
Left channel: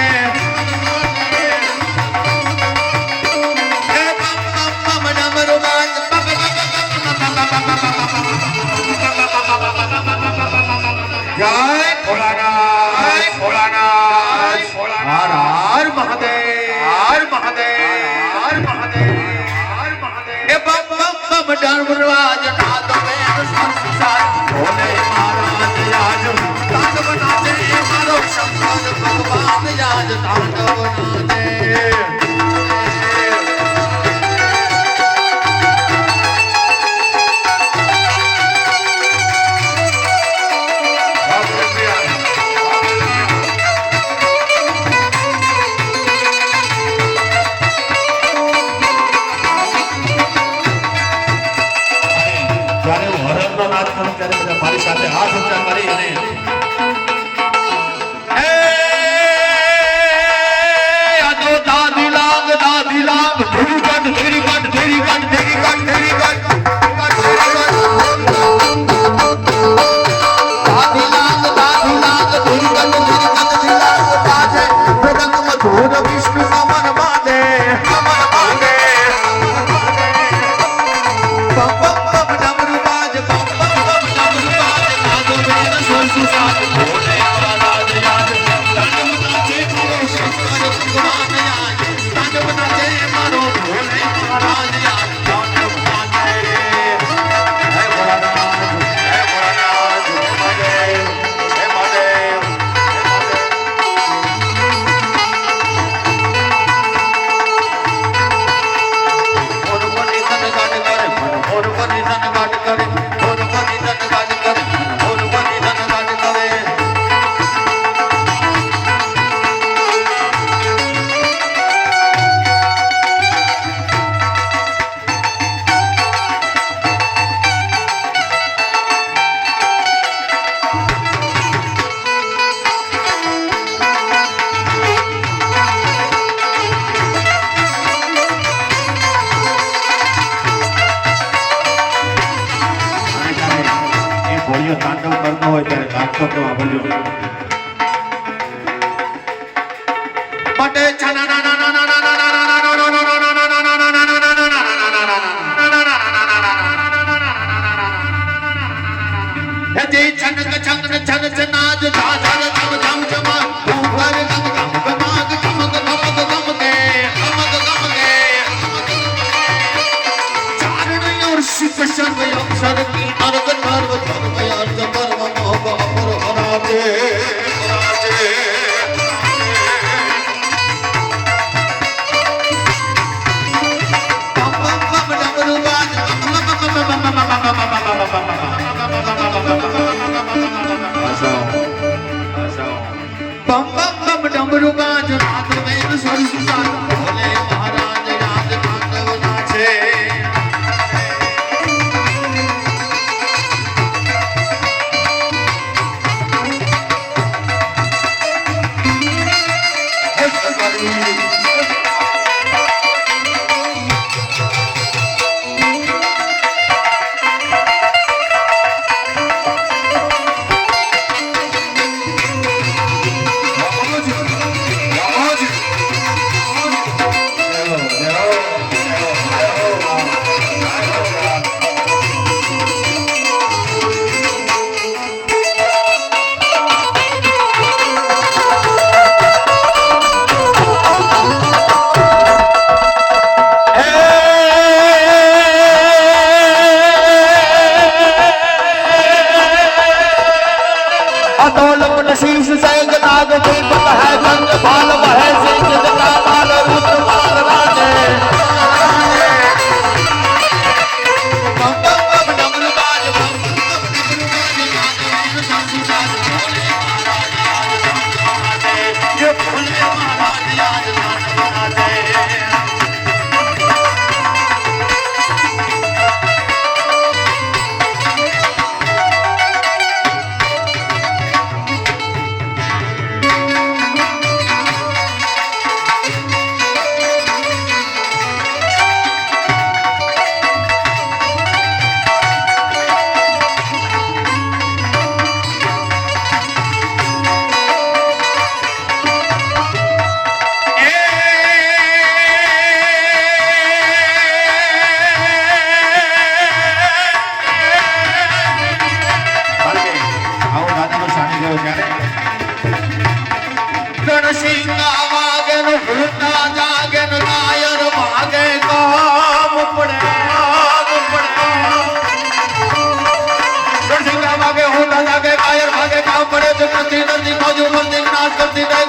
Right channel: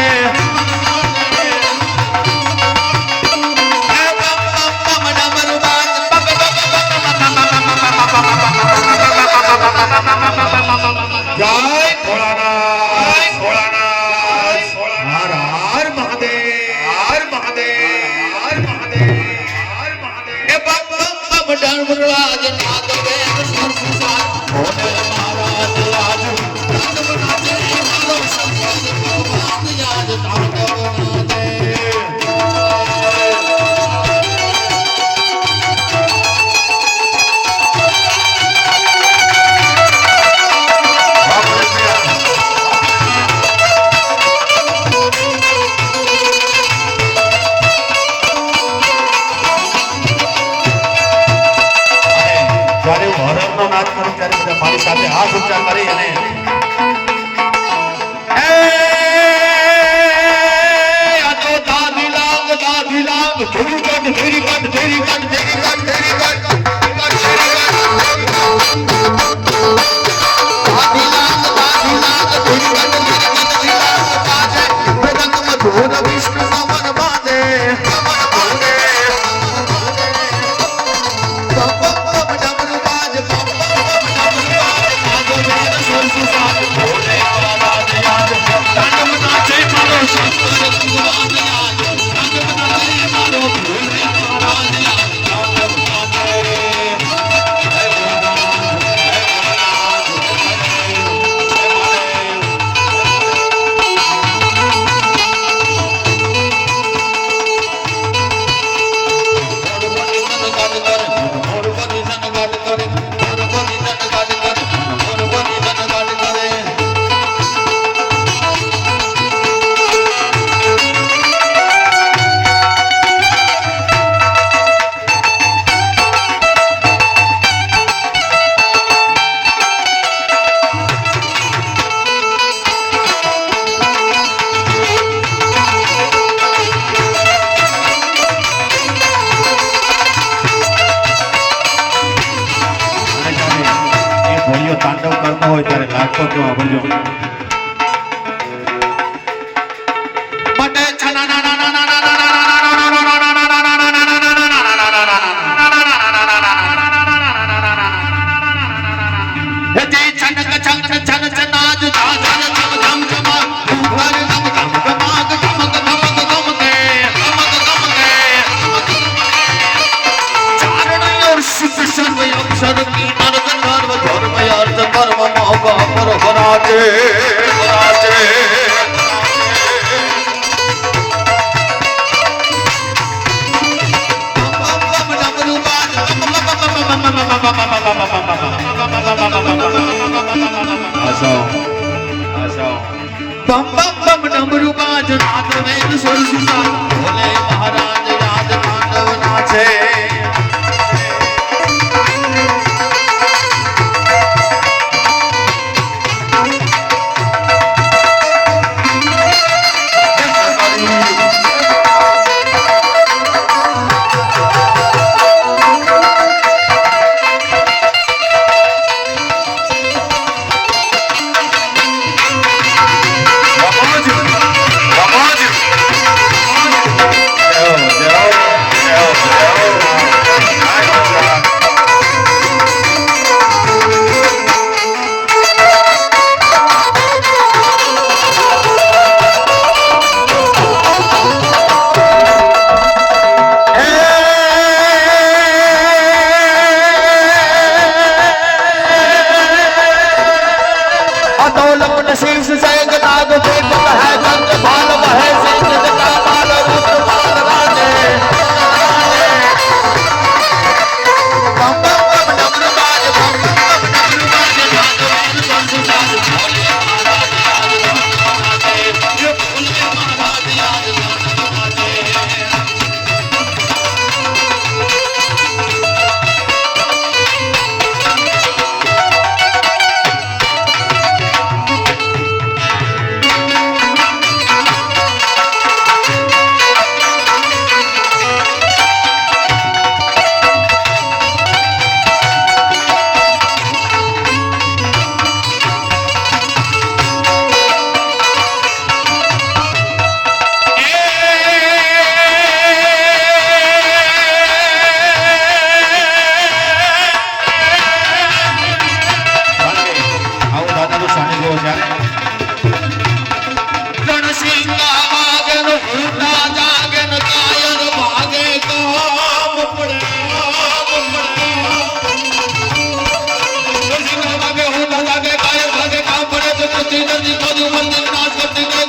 ધર્મરાજ નાદ વેદ સંસાર ભોલે મહારાજ આજ તાંડવ નાચે મારો સંસાર ભગવાન આજ તાંડવ નાચે જ્યારે હું હરણનો નાચ કરું ત્યારે બધા મારી સાથે હાથ ઊંચા કરી અને આજે દાદી લાગ ધીરી કાઢ ધીરી કાઢ ધીરી કાઢ ધીરી કાઢ ધીરી કાઢ વિષ્ણુ કમર બાંધે હોળીઓ તાંડવ કરતો હોય ત્યારે લાગતો તો આવજો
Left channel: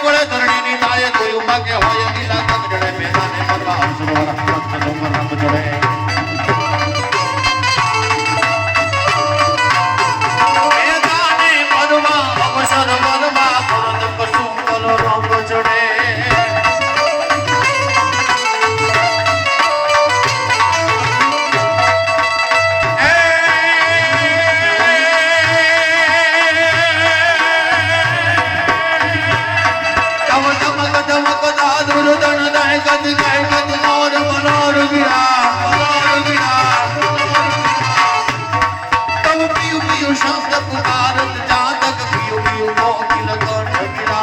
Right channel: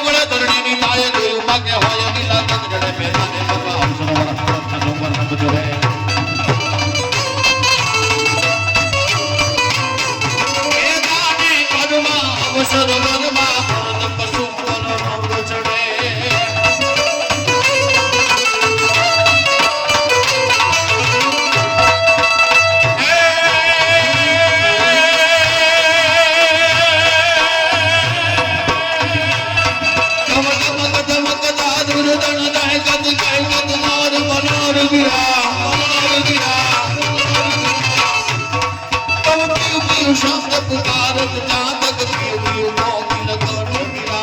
ગોળે ધરણીની તાળે જોયું ભાગ્ય હોય નીલા તક જડે પેલાને પરવા સરોવર હાથ ડોંગર રંગ જડે એકાને પરવા અવસર મરવા કરદ કસુમ બોલો રંગ જડે शब्द पुकारत जातक पियो पियो मोतिल कंठ गिरा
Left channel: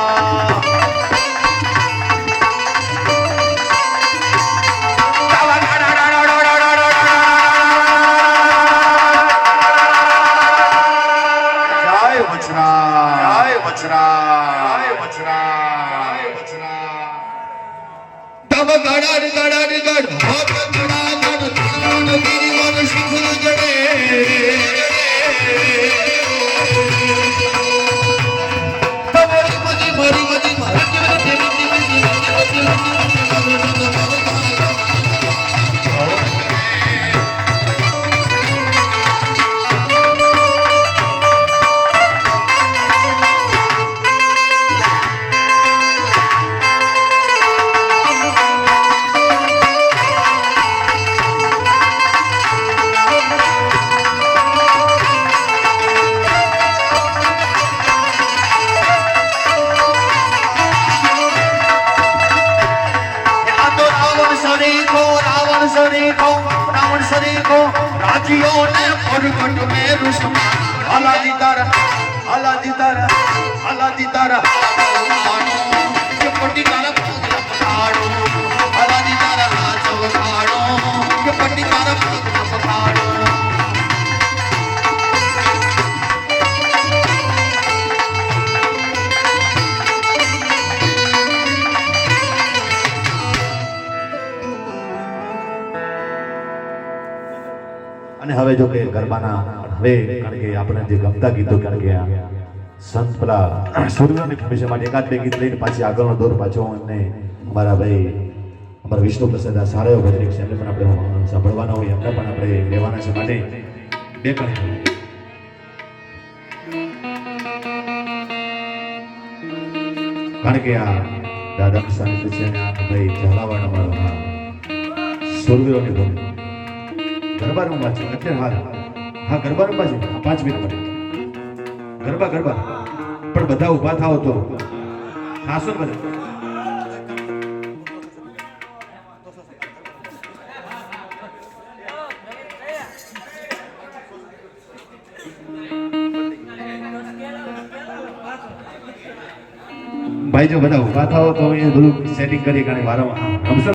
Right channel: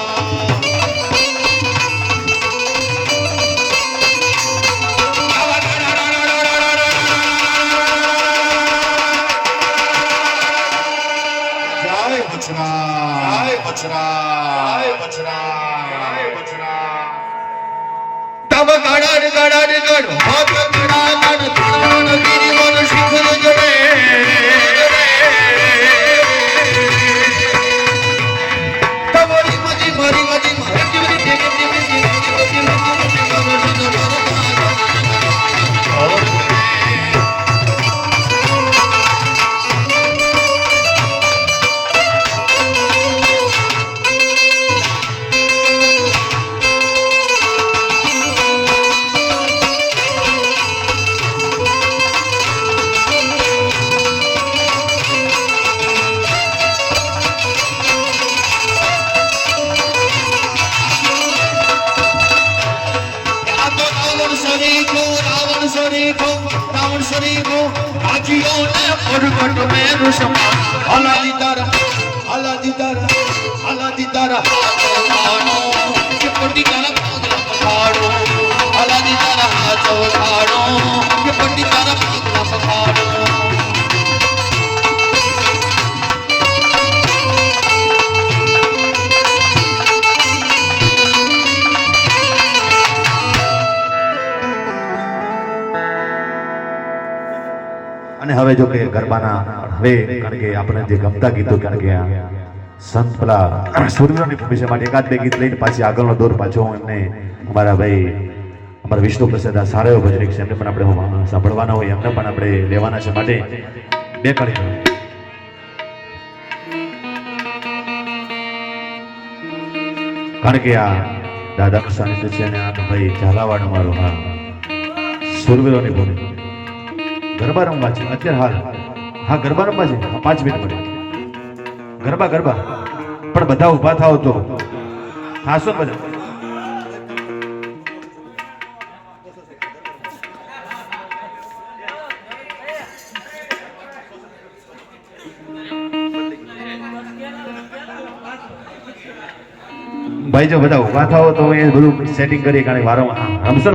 जय बछड़ा जय बछड़ा जय बछड़ा तब गड़ होत गड़ा गड़ गिरिवन शिखर जड़े रावण सरी को राजियों ने प्रगट में रुष्मा हलादी तारा ये पट्टी तारा पहाड़ो हलादी तारा हाथों पहाड़ो ये पट्टी तारा पहाड़ो અને હવે જો કે ગરબાના હવે કારણ કે આપણે જે ગમતા ગીતો કારણ કે આ સંત પેલા સૂર્યની ભવિષ્ય માટે એકાદ બે ગીત લઈને પાછી આગળનો દોર પાછો એમને અમારા ભાઈ અમારા વિષ્ણુ પ્રસાદ આ સારા એવો ભજનિક છે એમને પણ આપણે સાંભળવાના હોય એમને પણ આપણે લેવાના છે માટે બે કણી કારણ કે આ દાદા સાનિધ્ય છે અને આ ભાઈ ઝાલાવાડ મારો આ સૂર્યની ભૂમિ ગરબા રમવા છે અત્યારે હા ગરબા રમવા છે 5 મિનિટ પડે ગરબા પણ બધા ઊભા થાવ તો હાસો બધા ભાઈ જો બધા ઊભા થાવ તો એ બધું સેટિંગ કરી કારણ વારો રમશો